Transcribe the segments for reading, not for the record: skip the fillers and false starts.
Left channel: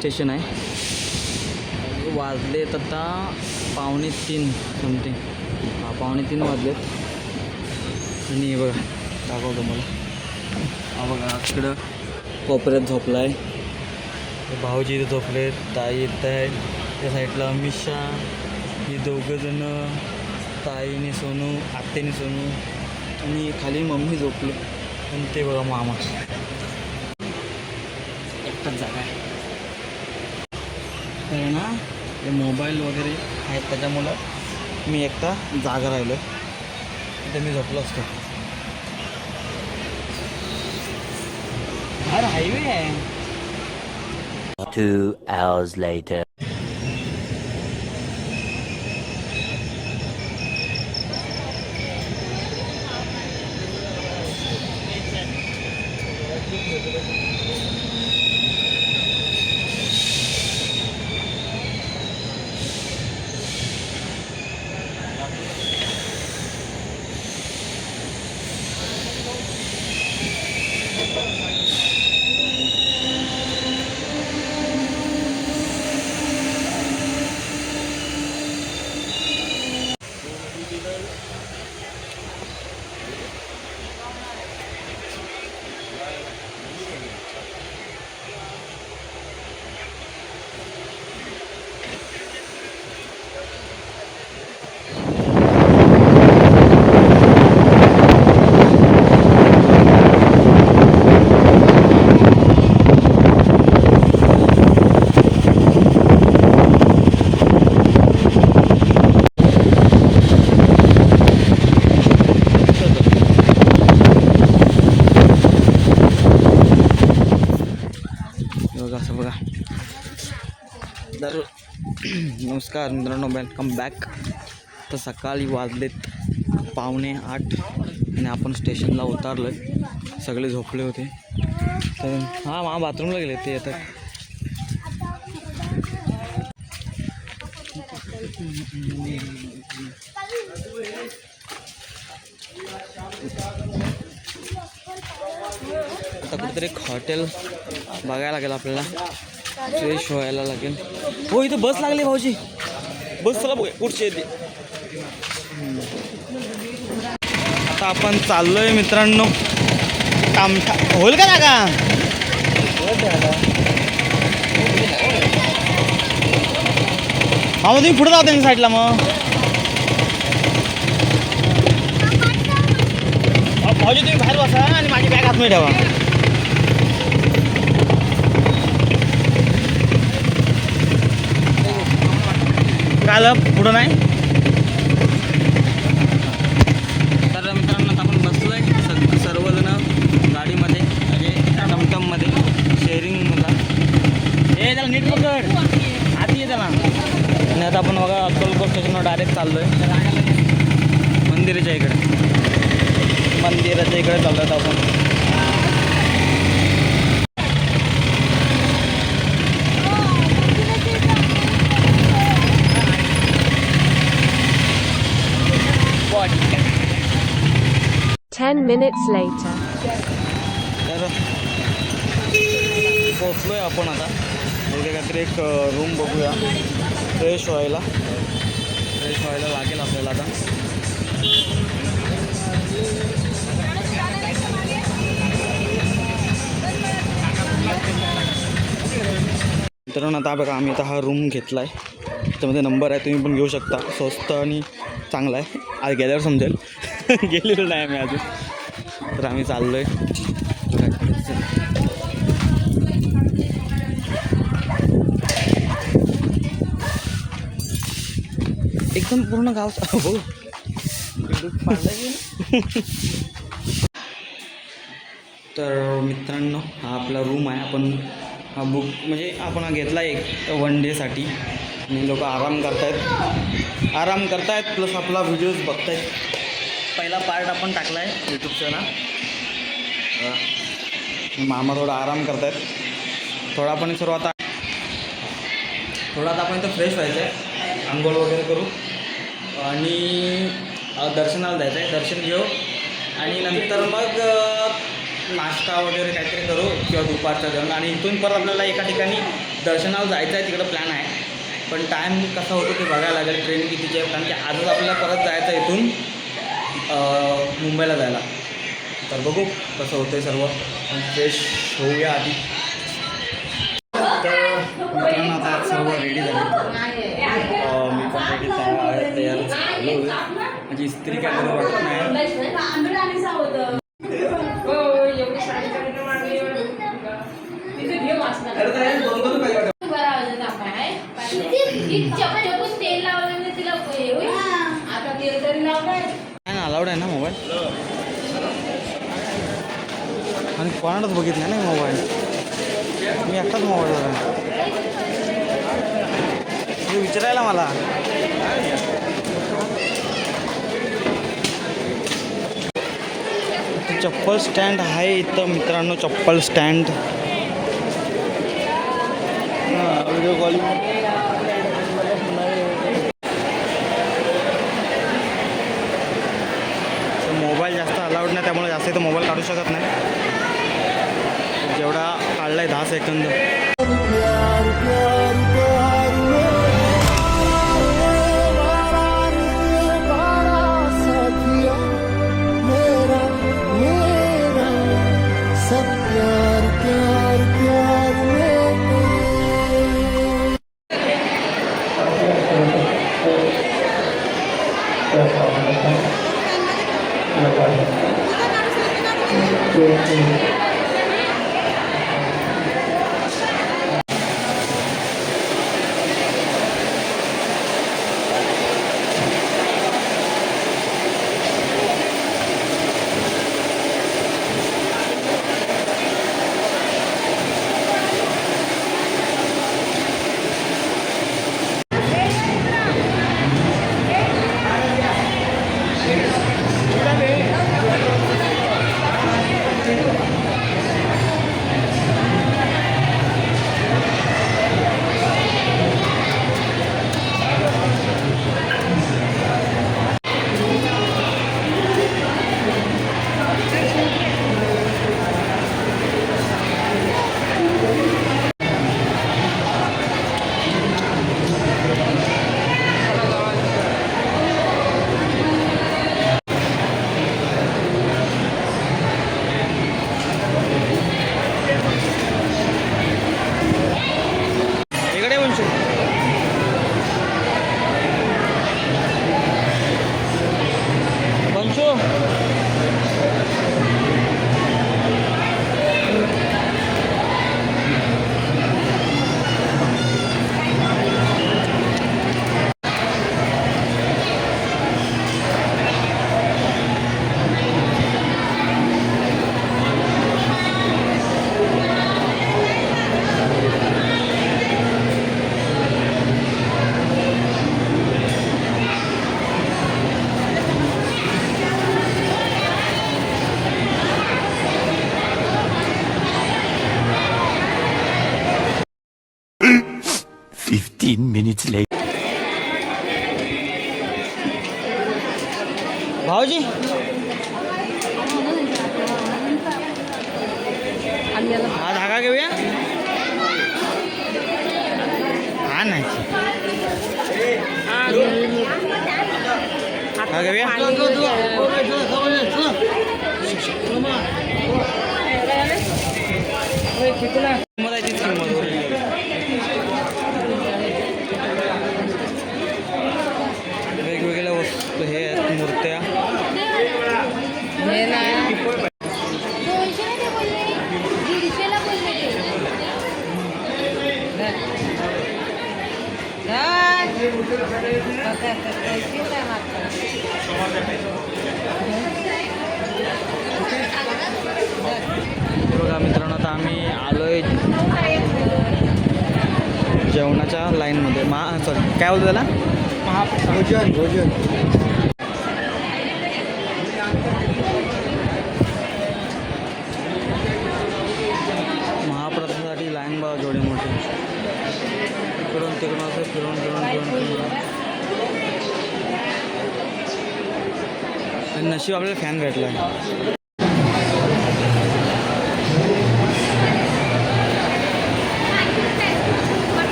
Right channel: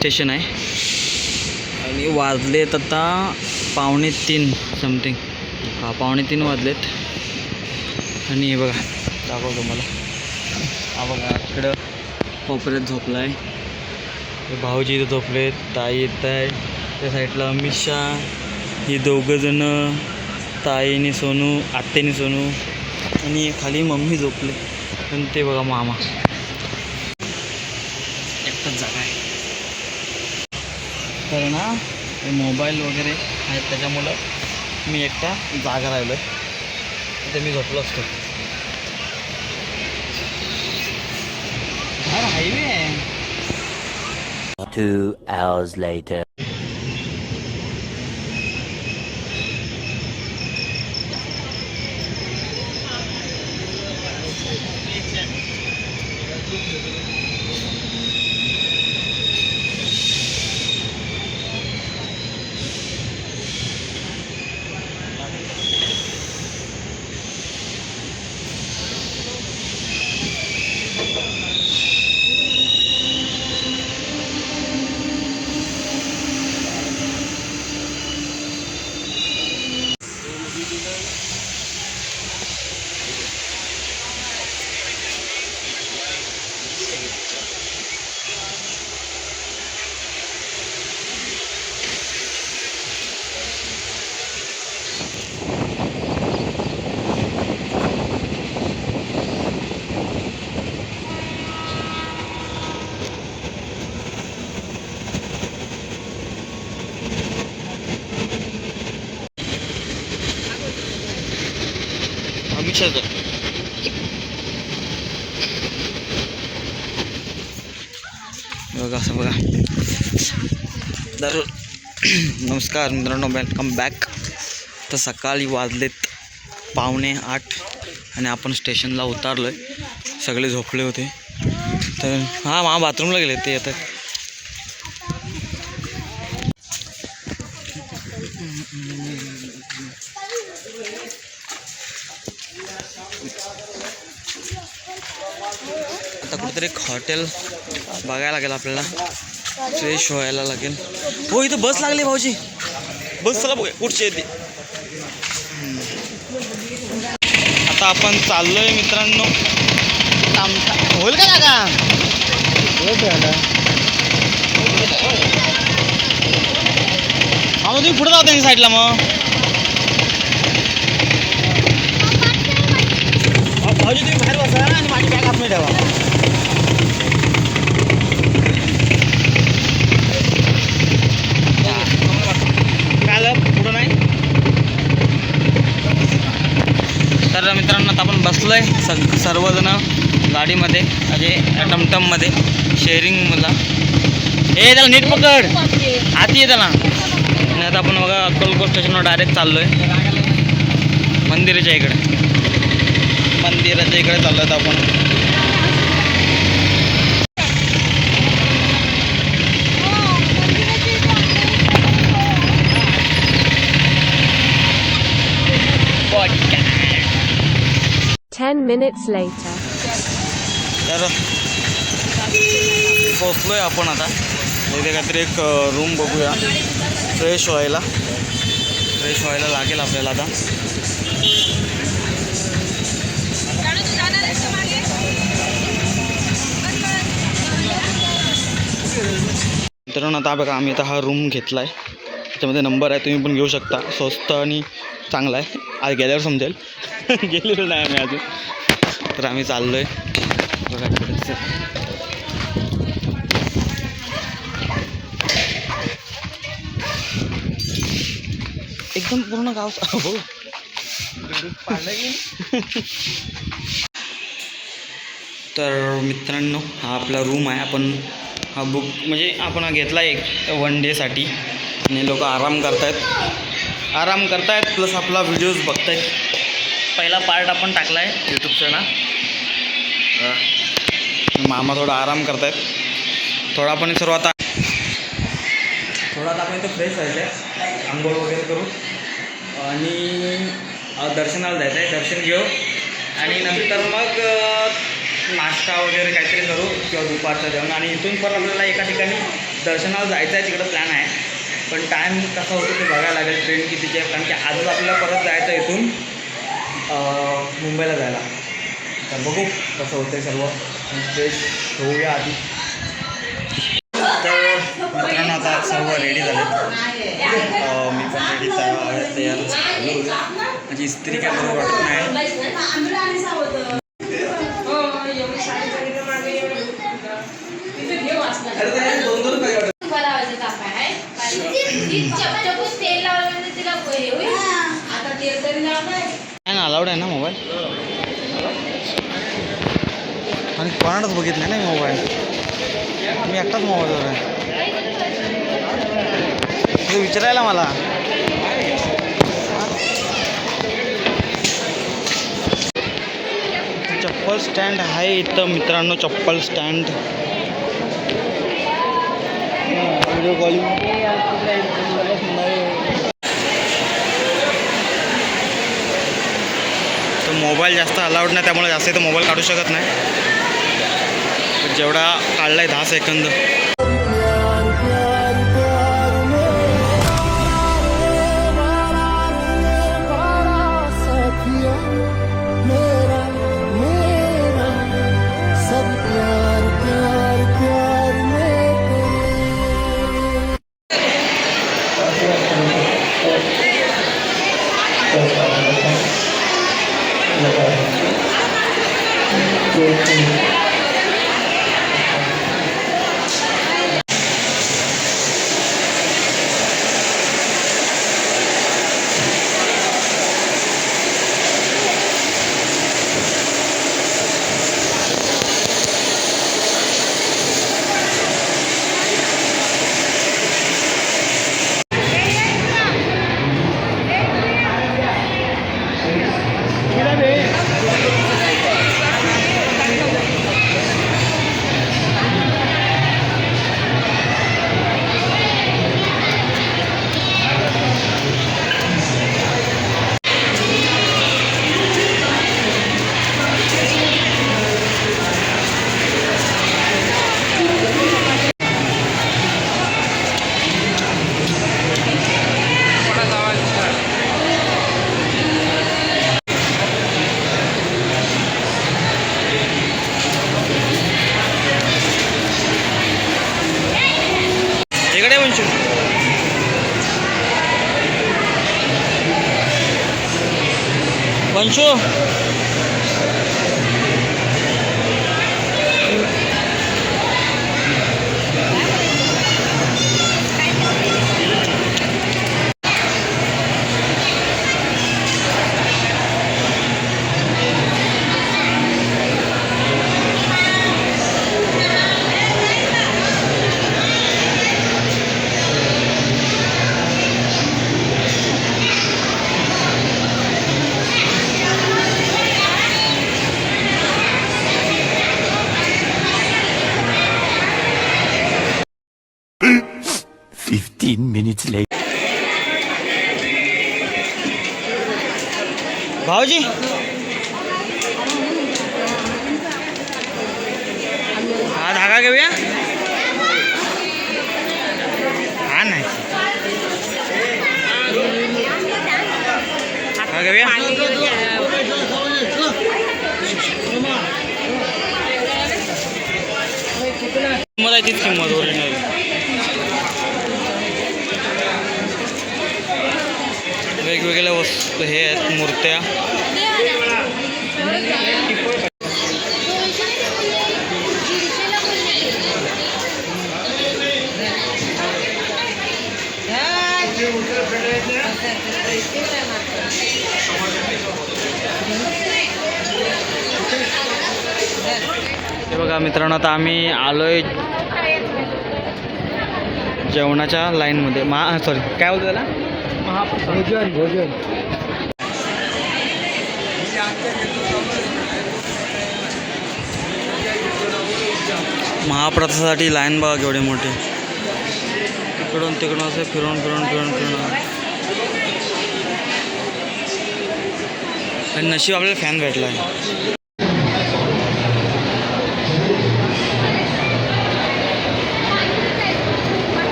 Station आहे आणि वाजलेत आता 2:45 समथिंग. हा 2:45 वाजलेत. आणि हे बघा दाखवतो मला. हा बघा तिकडं कोपऱ्यात झोपला आहे. भाऊजी इथं झोपलेत. ताई येत आहे त्या साईडला. अमित शाह, हे दोघंजणं, ताईने सोनू, आत्याने सोनू आणि खाली मम्मी झोपली. आणि ते बघा मामा. एकटाच जागा आहे तर ना. मोबाईल वगैरे आहेत त्याच्यामुळं मी एकटा जागा राहिलो आहे. तिथे मी झोपलो असतो. अरे हायवे आहे. 2 hours later. बघा असं बघा. तर नमस्कार मित्रांनो, वेलकम बॅक. तर सकाळी वाजलेत 7:45 आणि आपण स्टेशनला उतरलो आहे. सगळे झोपले होते. तर हां बाथरूमला गेले ते येतात. आता कुठेतरी एक हॉटेल बघायला लागेल आपल्याला. फ्रेश व्हायला लागेल. हो इथं बस लागली भाऊजी. बस चला बघूया कुठची येते. आता आपण चाललोय मित्रांनो. होईल का जागा? हा तुम्ही पुढे जाता त्या साईडला. मग भाऊजी तुम्ही बाहेर बसा आणि माझी बॅग आतमध्ये ठेवा. काय पुढं नाही. तर मित्रांनो आता आपण बसलो आहे सर्वजण गाडीमध्ये, म्हणजे टमटममध्ये, शेअरिंगला. हे त्याला नीट पकड, आती आहे त्याला. आणि आता आपण बघा अक्कलकोट स्टेशनवर डायरेक्ट चाललो आहे मंदिराच्या इकडे. मंदिराच्या इकडे चाललो आहेत आपण. Ten minutes later. तर पोचलो आहे आपण आता. इथे काहीतरी एक रूम बघूया. फ्रेश व्हायला लागेल आपल्याला आता. मित्रांनो आता बघा आम्ही आता हा रूम घेतला आहे. त्याच्यामध्ये नंबर आहे, तुम्ही पण घेऊ शकता. स्वस्त आणि चांगला आहे. आज गेल्यावर समजेल. गेलेलो नाही आम्ही अजून. तर आम्ही चाललो आहे बघा. एकदम पूर्ण गाव हो. तर मित्रांनो हा आपला रूम आहे. आपण हा बुक म्हणजे आपण हा घेतला एक 1 डेसाठी. आणि लोक आराम करतायत प्लस आपला व्हिडिओज बघतायत. पहिला पार्ट आपण टाकला आहे यूट्यूबचा ना. मामा थोडा आराम करतायत. थोडा आपण सर्व आता आपण इथं फ्रेश व्हायचं आहे. आंघोळ वगैरे करू आणि दर्शनाला जायचं आहे. दर्शन घेऊ आणि नंतर मग नाश्ता वगैरे काहीतरी करू किंवा दुपारचं जेवण. आणि इथून परत आपल्याला एका ठिकाणी दर्शनाला जायचं आहे, तिकडं प्लॅन आहे. पण टाईम कसा होतो ते बघायला लागेल, ट्रेन कितीची आहे. कारण की आजच आपल्याला परत जायचं आहे इथून मुंबईला जायला. तर बघू कसं होतं आहे सर्व. फ्रेश होऊया आधी. तर मित्रांनो आता सर्व रेडी झाले. मी पण रेडी तयार झालो. म्हणजे इस्त्री काय बरोबर वाटत नाही. अलाउड आहे ना मोबाईल, आणि कोणालाच बघितलं नाही ना मोबाईल. मी एकटाच मोबाईलवर आहे. ते विचारायला मला चप्पल स्टँड आहे इथं मित्रांनो. चप्पल स्टँड व्हिडिओ कॉलिंग. तर मोबाईल जास्त अलाउड नाही, त्यामुळे जास्त इथं मोबाईल काढू शकत नाही. जेवढा काढला आहे 10 सेकंद. इकडे वंशू. वंशू minutes later. भाऊजी हा धागा घेऊया. हा नाही हा घेऊया. किंमत आहे तीच किंमत ओरिजिनल. वेगवेगळ्या वस्तू हे आहेत, मूर्त्या. हे बघा मित्रांनो, आता आम्ही आलोय जेवणाच्या लाईनमध्ये. सॉरी काय बोलतो त्याला, भोजन भोजन. महाप्रसादासाठी लाईन बघा केवढी मोठी. इकडून तिकडून असं फिरून फिरून फिरून फिरून. आणि नशीब आपल्याला फॅन भेटला आहे.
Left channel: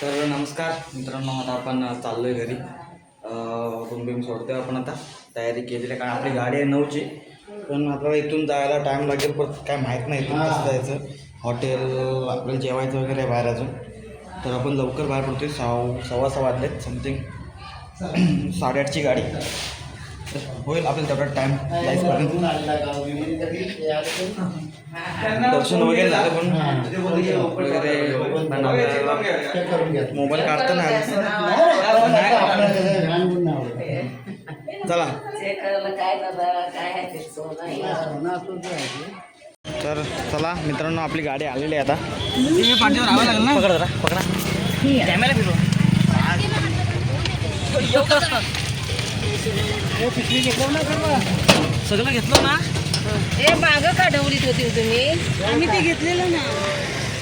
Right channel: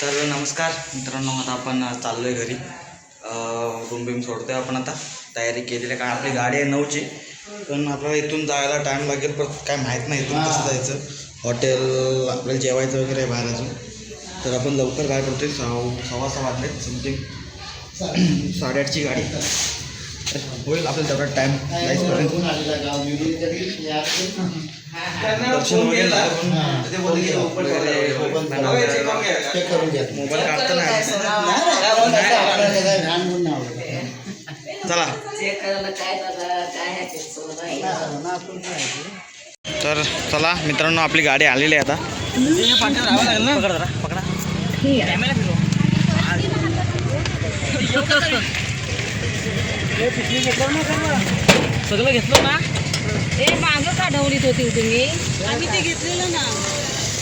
तर नमस्कार मित्रांनो, आता आपण चाललो आहे घरी. रूम बिम सोडतोय आपण आता. तयारी केलेली आहे कारण आपली गाडी आहे 9ची. पण आपल्याला इथून जायला टाईम लागेल, पण काय माहीत नाही इथून कसं जायचं. हॉटेल आपल्याला जेवायचं वगैरे आहे बाहेर अजून. तर आपण लवकर बाहेर पडतोय. 6:15 वाजलेत समथिंग. 8:30ची गाडी होईल आपल्याला तेवढा टाईम जायचपर्यंत. दर्शन वगैरे झालं पण वगैरे मोबाईल काढता नाही. चला तर चला मित्रांनो, आपली गाडी आलेली आहे आता. पकडा पकडा सगळं घेतलं ना. हे मागं का ढवळीत होती तुम्ही? आम्ही ते घेतलेलो ना.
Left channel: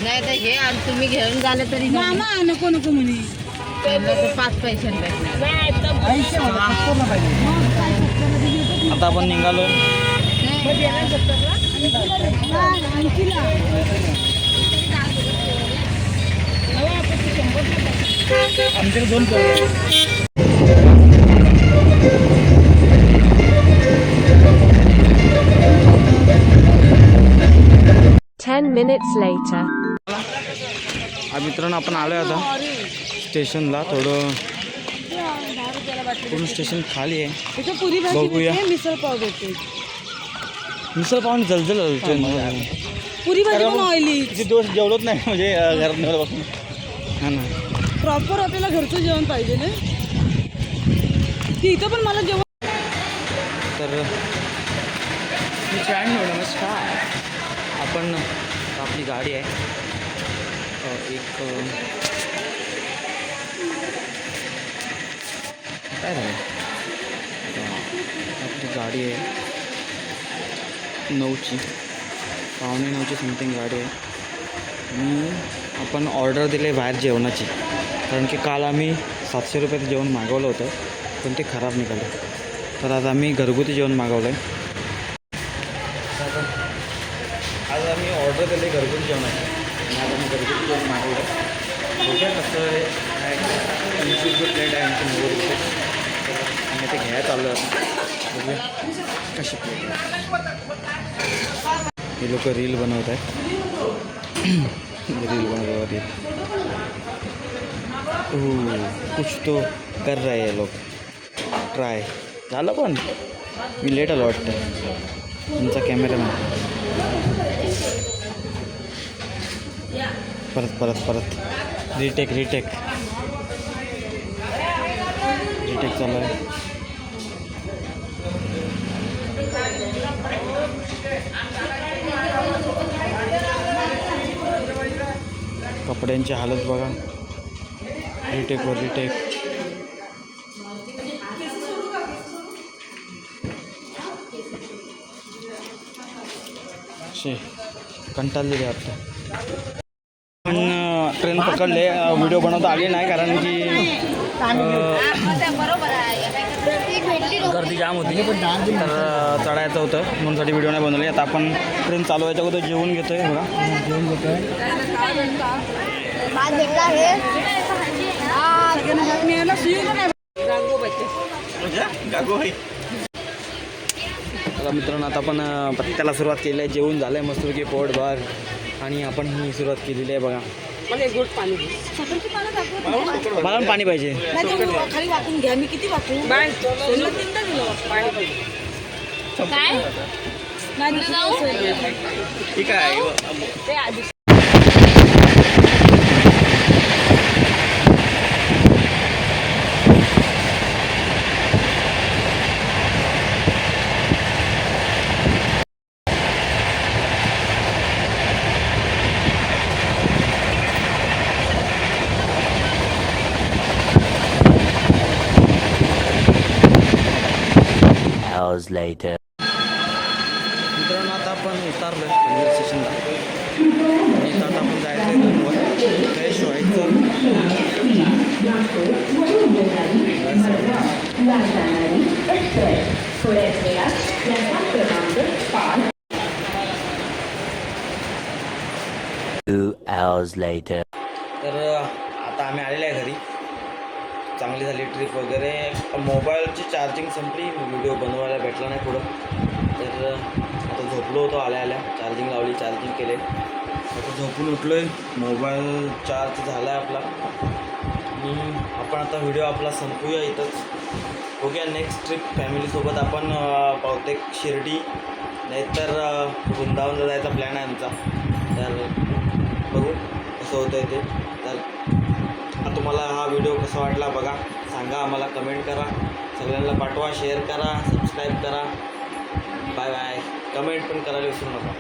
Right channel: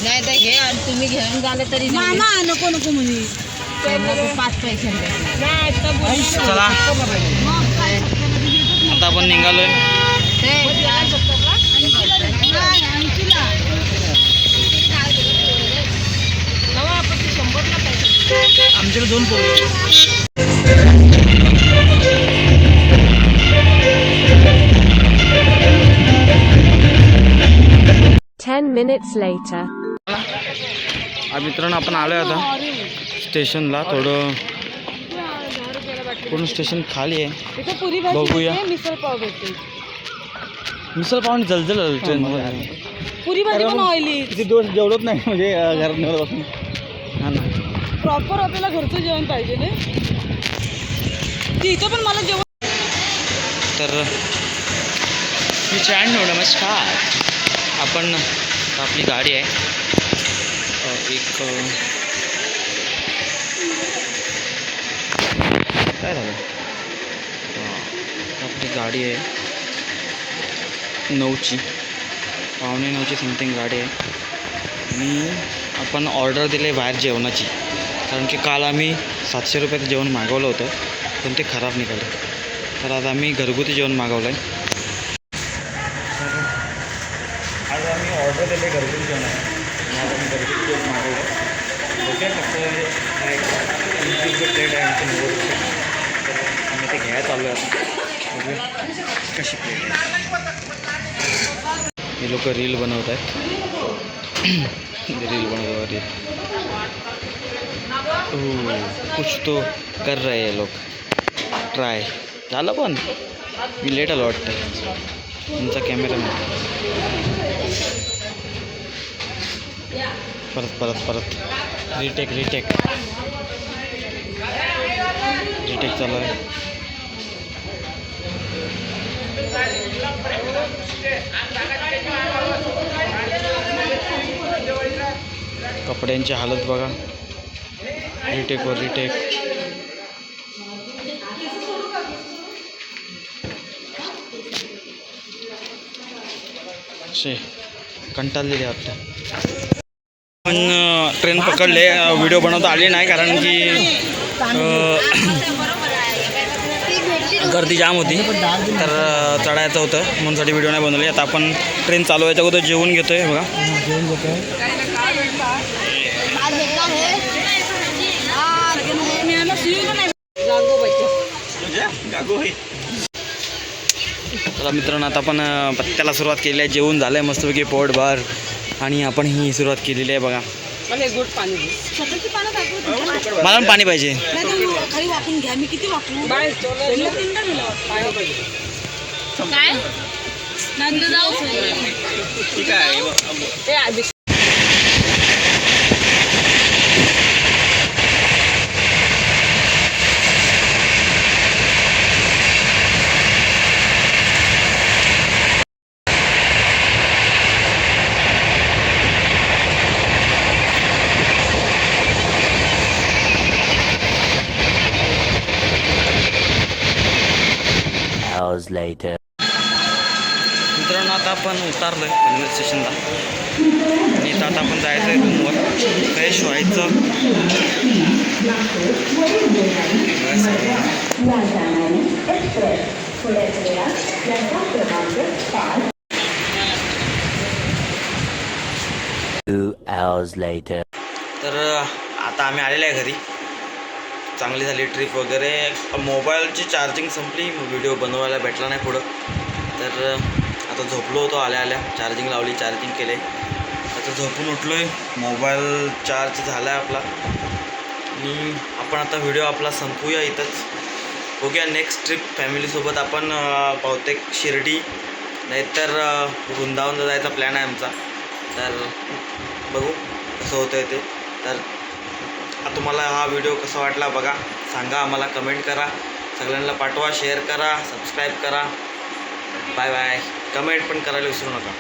नाही तर हे तुम्ही घेऊन झाले तरी मामा नको नको म्हणे. 5 पैसे चला आता आपण निघालोय. आमच्याकडे 2 10 minutes later. मित्रांनो, आपण आलो आता स्टेशनला. थोडं पूर्ण स्टेशन खाली आहे. इथे पुरी भाजी बघूया. भेटते, मिसळ पाव भेटते. मिसळ पावणी जलजल पुरी भाजी पण ऑइली. किती दिवस जेवलंच नाही म्हणजे घरात बसून. हां ना, प्रॉपर आपल्याला घरचं जेवण पाहिजे ना. ती इथं पण मला जेवण. तर मित्रांनो नमस्कार. आपण आपली गाडी आहे एक काय झालं. आपली गाडी आहे 9ची, 8:45 समथिंग गाडी आहे. आणि आपण ऑर्डर दिली आहे बाहेर जेवणाची, कारण की काल आम्ही 700 रुपयाचं जेवण मागवलं होतं पण ते खराब निघालं. तर आज आम्ही घरगुती जेवण मागवलं आहे. आज आम्ही ऑर्डर दिले घरगुती जेवणाची आणि आज आम्ही घरगुती जेवण मागवलं आहे. बघूया कसं आहे. 25 प्लेट आहे आमची 90 रुपये. तर आम्ही ते घ्यायला चाललो आहे. बघूया कशी प्लेट आहे. हे लोक रील बनवत आहेत. रील बनवत रील. कुछ तो कर रहे हैं लोक. ट्राय झालं पण मी लेट आलो वाटतं. तुमचा कॅमेरा नाही. परत रिटेक चालू आहे. कपड्यांची हालत बघा. रिटेकवर रिटेक. कंटाळलेले वाटतं. पण ट्रेन पकडले. व्हिडिओ बनवता आले नाही कारण की गर्दी जाम होती. तर चढायचं होतं म्हणूनसाठी व्हिडिओ नाही बनवले. आता आपण ट्रेन चालू व्हायच्या अगोदर जेवून घेतो आहे बघा. चला मित्रांनो, आता आपण पत्त्याला सुरुवात केली आहे. जेवून झालं आहे मस्तपैकी पोटभर आणि आपण ही सुरुवात केलेली आहे बघा. मला पण पाणी पाहिजे. खाली वाकून घ्या. मी किती वाकू बाय. ठीक आहे. Hours later. मित्रांनो, आता आपण उतरलो आहे पनवेल स्टेशनला आणि इथं आता आपण जायचं आहे रूमवर. फ्रेश व्हायचं. 2 hours later. तर आता आम्ही आलेलो आहे घरी. चांगली झाली ट्रिप वगैरे. मोबाईलची चार्जिंग संपली, व्हिडिओ बनवायला भेटला नाही पुढं. तर आता झोपलो होतो आल्या आल्या, चार्जिंग लावली, चार्जिंग केले. आता झोपून उठलो आहे, मोबाईल चार्ज झाला आहे आपला. आणि आपण आता व्हिडिओ आपला संपूया इथंच. बघूया नेक्स्ट ट्रिप फॅमिलीसोबत आपण बहुतेक शिर्डी नाहीतर वृंदावनला जायचा प्लॅन आहे आमचा. तर बघू कसं होतं आहे ते. तर तुम्हाला हा व्हिडिओ कसा वाटला बघा, सांगा आम्हाला, कमेंट करा, सगळ्यांना पाठवा, शेअर करा, सबस्क्राईब करा. Bye bye. कमेंट पण करायला विसरू नका.